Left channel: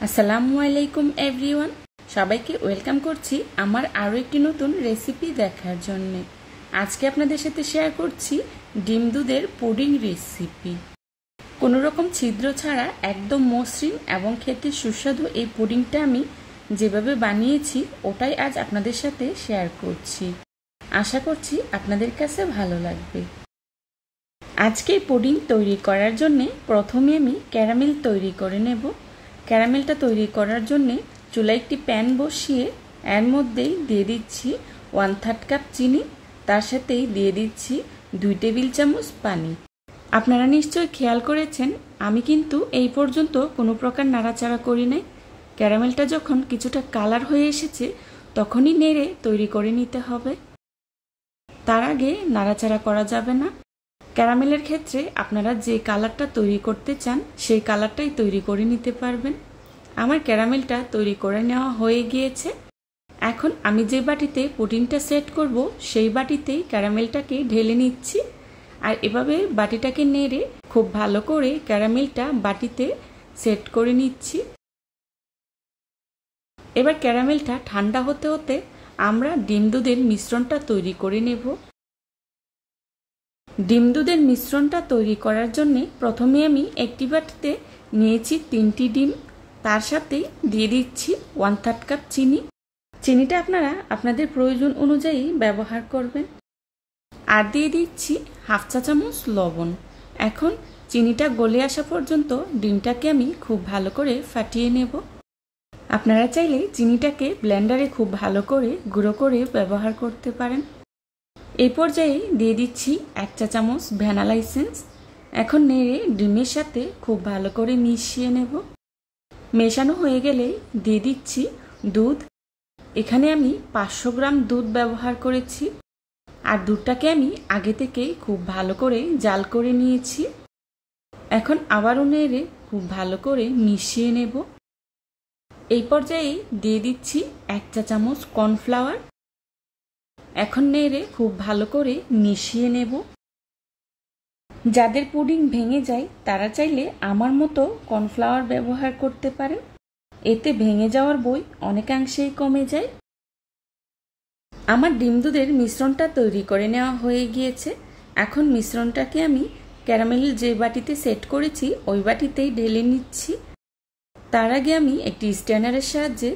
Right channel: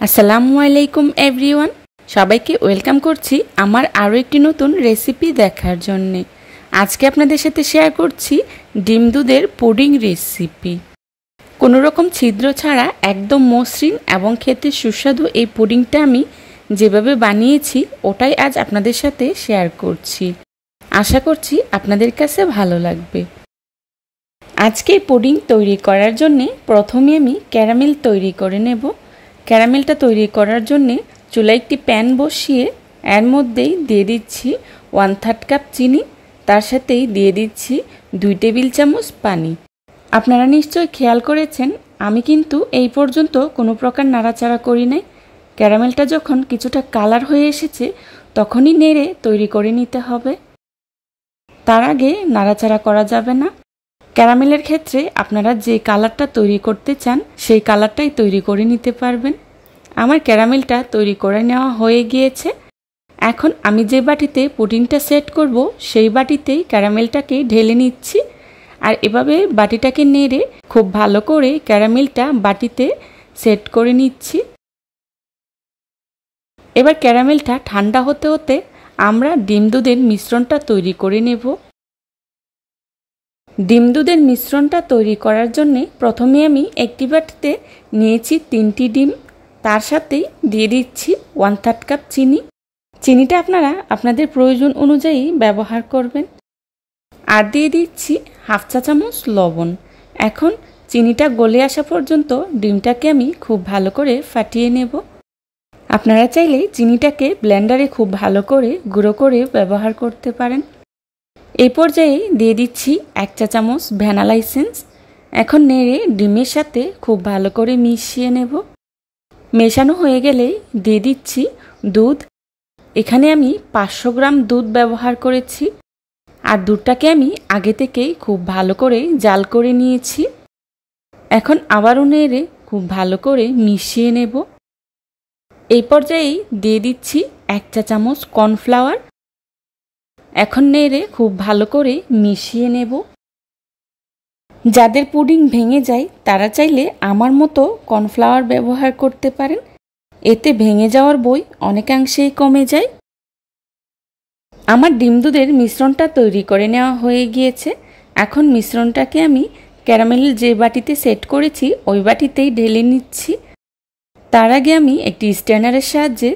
আসসালামু আলাইকুম এভরিওয়ান, সবাইকে ওয়েলকাম করছি আমার আরও একটি নতুন রেসিপি দেখার জন্যে। আজকে আপনাদের সাথে শেয়ার করছি ডিম দুধের পুডিং রেসিপি। কোনো রকম ছিদ্র ছাড়া একদম মসৃণ এবং খেতে সুস্বাদু এই পুডিংটা আমি যেভাবে বানিয়েছি ওটাই আজ আপনাদের সাথে শেয়ার করছি। আশা করছি আপনাদের কাছে ভালো লাগবে। আজকে পুডিং তৈরি করার জন্যে প্রথমে আমি ক্যারামেল তৈরি করে নেব। ক্যারামেলটা তৈরি করার জন্যে চুলায় একটি প্যান বসিয়ে এর মধ্যেই দিয়ে দিচ্ছি 1/3 কাপ চিনি, তার সাথেই দিয়ে দিচ্ছি 2 টেবিল চামচ পানি। আপনারা নিশ্চয়ই খেয়াল করেছেন আমি কিন্তু এই পর্যন্ত কোনো প্রকার নাড়াচাড়া করি নাই। ক্যারামেলটা যখন কিছুটা কালার হয়ে এসেছে তখনই নেড়ে তৈরি করে নিতে হবে, তার আগে নাড়াচাড়া করা যাবে না। ক্যারামেলের ক্ষেত্রে আপনারা যে কালারটা তৈরি করতে চান সেই কালারটাই তৈরি করে নিতে পারবেন। আমার ক্যারামেলটা তৈরি করে নেওয়া হয়ে গিয়েছে। এখন আমি যে বাটিতে পুডিংটা সেট করব সেই বাটিতেই ক্যারামেলটাকে ঢেলে নিচ্ছি, আর এভাবে বাটিটাকে নেড়ে খুব ভালো করে ক্যারামেলটা বাটিতে সেট করে নিচ্ছি। এবার ক্যারামেলটা ঠান্ডা হতে হতে আমরা ডিম দুধের মিশ্রণটা তৈরি করে নেব। ডিম দুধের মিশ্রণটা তৈরি করার জন্যে প্রথমে আমি একটি বাটিতে নিয়েছি 3টি ডিম, তার সাথেই দিয়ে দিচ্ছি 1/3 কাপ চিনি। চিনিটা আপনারা আপনাদের প্রয়োজন অনুযায়ী ব্যবহার করবেন। আর দিয়ে দিচ্ছি 1/2 চা চামচ লবণ। এখন চিনিটা গলে আসা পর্যন্ত ডিমটাকে আমি খুব ভালো করে ফাটিয়ে নেব। আপনারা চাইলে চিনিটাকে ব্লেন্ডারে খুব ভালো করে গুঁড়ো করে ব্যবহার করতে পারেন। এই পর্যায়ে দিয়ে দিচ্ছি 1 চা চামচ ভ্যানিলা এসেন্স। এখন নেড়ে ডিমের সাথে খুব ভালো করে মিশিয়ে নেব। মেশানো হয়ে গেলে দিয়ে দিচ্ছি দুধ। এখানে আমি 500 গ্রাম দুধ ব্যবহার করেছি, আর দুধটাকে আমি আগে থেকেই খুব ভালো করে জাল করে নিয়েছি। এখন আবারও নেড়ে খুব ভালো করে মিশিয়ে নেব। এই পর্যায়েই দিয়ে দিচ্ছি 1 চা চামচ কর্নফ্লাওয়ার। এখন নেড়ে খুব ভালো করে মিশিয়ে নেব। যাদের পুডিং ভেঙে যায় তারা চাইলে আমার মতো কর্নফ্লাওয়ার ব্যবহার করতে পারেন, এতে ভেঙে যাওয়ার ভয় অনেকাংশেই কমে যায়। আমার ডিম দুধের মিশ্রণটা তৈরি করে নেওয়া হয়ে গিয়েছে। এখন মিশ্রণটাকে আমি ক্যারামেল যে বাটিতে সেট করেছি ওই বাটিতেই ঢেলে নিচ্ছি। তার আগে আমি একটি স্ট্যানারের সাহায্যে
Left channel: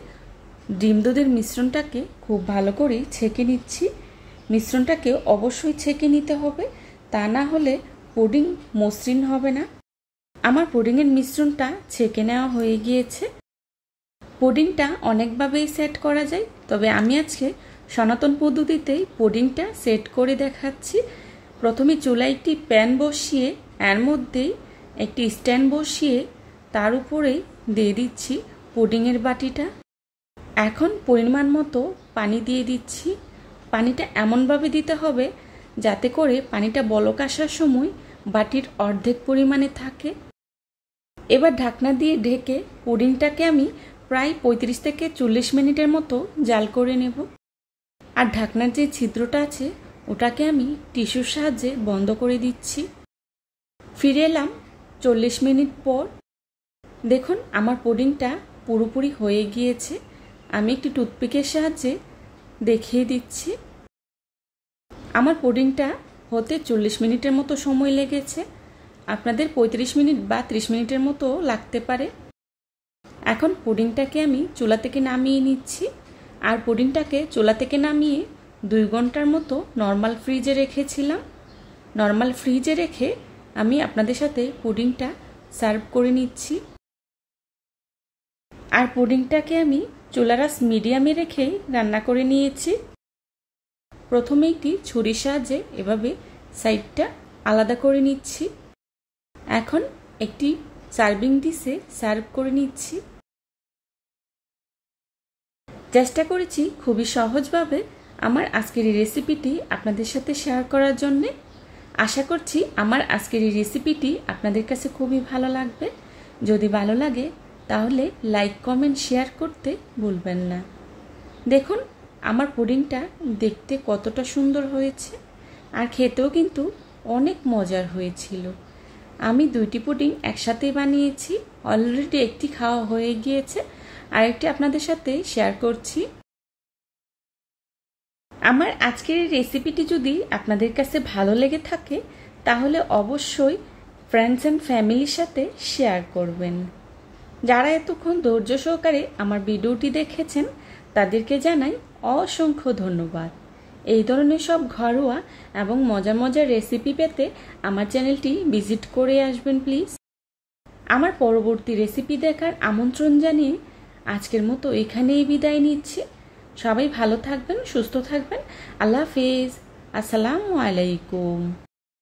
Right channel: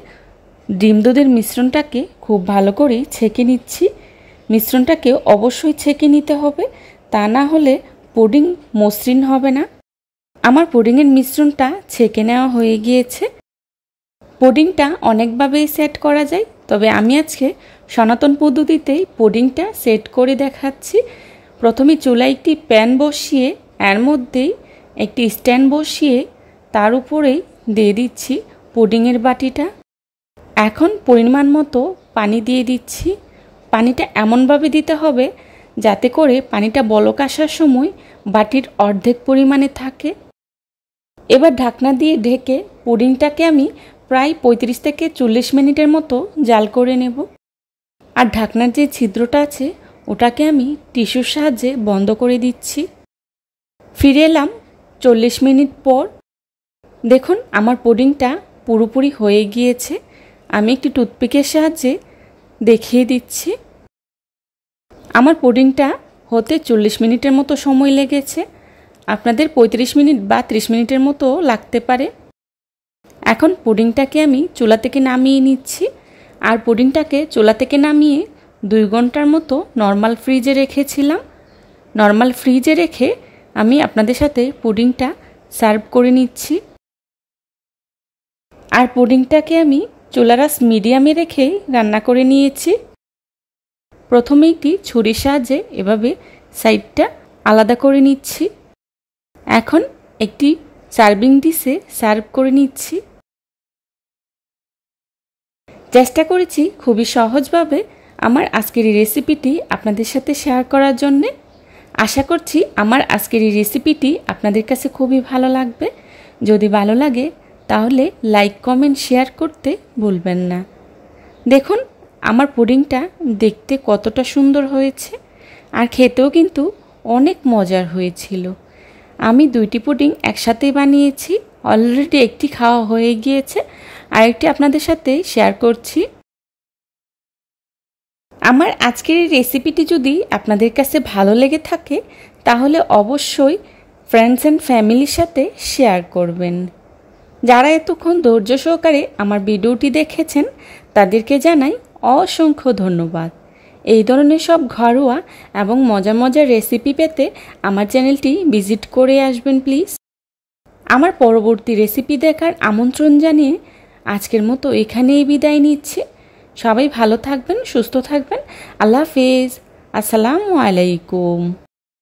ডিম দুধের মিশ্রণটাকে খুব ভালো করে ছেঁকে নিচ্ছি। মিশ্রণটাকে অবশ্যই ছেঁকে নিতে হবে, তা না হলে পুডিং মসৃণ হবে না। আমার পুডিংয়ের মিশ্রণটা ছেঁকে নেওয়া হয়ে গিয়েছে। পুডিংটা অনেকভাবেই সেট করা যায়, তবে আমি আজকে সনাতন পদ্ধতিতেই পুডিংটা সেট করে দেখাচ্ছি। প্রথমে চুলায় একটি প্যান বসিয়ে এর মধ্যেই একটি স্ট্যান্ড বসিয়ে তার উপরেই দিয়ে দিচ্ছি পুডিংয়ের বাটিটা। এখন পরিমাণ মতো পানি দিয়ে দিচ্ছি। পানিটা এমনভাবে দিতে হবে যাতে করে পানিটা বলক আসার সময় বাটির অর্ধেক পরিমাণে থাকে। এবার ঢাকনা দিয়ে ঢেকে পুডিংটাকে আমি প্রায় 35 থেকে 40 মিনিটের মতো জাল করে নেব। আর ঢাকনার যে ছিদ্রটা আছে ওটাকে আমি টিস্যুর সাহায্যে বন্ধ করে দিচ্ছি। ফিরে এলাম 40 মিনিট পর। দেখুন আমার পুডিংটা পুরোপুরি হয়ে গিয়েছে। আমি একটি টুথপিকের সাহায্যে দেখিয়ে দিচ্ছি। আমার পুডিংটা হতে 40 মিনিটের মতো সময় লেগেছে। আপনাদের 35 মিনিট বা 30 মিনিটের মতো লাগতে পারে। এখন পুডিংটাকে আমি চুলা থেকে নামিয়ে নিচ্ছি। আর পুডিংটাকে চুলা থেকে নামিয়ে 2 ঘন্টার মতো নর্মাল ফ্রিজে রেখেছিলাম। নর্মাল ফ্রিজে রেখে আমি আপনাদের সাথে পুডিংটা সার্ভ করে নিচ্ছি। আর পুডিংটাকে আমি চুলার আঁচ মিডিয়ামে রেখেই রান্না করে নিয়েছি। প্রথমে একটি ছুরির সাহায্যে এভাবে সাইডটা আলাদা করে নিচ্ছি। এখন একটি সার্ভিং ডিশে সার্ভ করে নিচ্ছি। চেষ্টা করেছি খুবই সহজভাবে আমার আজকের এই রেসিপিটি আপনাদের সাথে শেয়ার করার জন্যে। আশা করছি আমার আজকের এই রেসিপিটি আপনাদের কাছে খুবই ভালো লাগবে। যদি ভালো লাগে তাহলে লাইক, কমেন্ট, শেয়ার করতে ভুলবেন না। দেখুন আমার পুডিংটা দেখতে কতটা সুন্দর হয়েছে, আর খেতেও কিন্তু অনেক মজার হয়েছিল। আমি 2টি পুডিং একসাথেই বানিয়েছি। অলরেডি একটি খাওয়া হয়ে গিয়েছে, আরেকটি আপনাদের সাথে শেয়ার করছি। আমার আজকের এই রেসিপিটি যদি আপনাদের কাছে ভালো লেগে থাকে তাহলে অবশ্যই ফ্রেন্ডস অ্যান্ড ফ্যামিলির সাথে শেয়ার করবেন। যারা এতক্ষণ ধৈর্য সহকারে আমার ভিডিওটি দেখেছেন তাদেরকে জানাই অসংখ্য ধন্যবাদ। এই ধরনের সব ঘরোয়া এবং মজার মজার রেসিপি পেতে আমার চ্যানেলটি ভিজিট করে আসবেন প্লিজ। আমার পরবর্তী রেসিপি দেখার আমন্ত্রণ জানিয়ে আজকের মতো এখানেই বিদায় নিচ্ছি। সবাই ভালো থাকবেন, সুস্থ থাকবেন। আল্লাহ হাফেজ। আসসালামু আলাইকুম।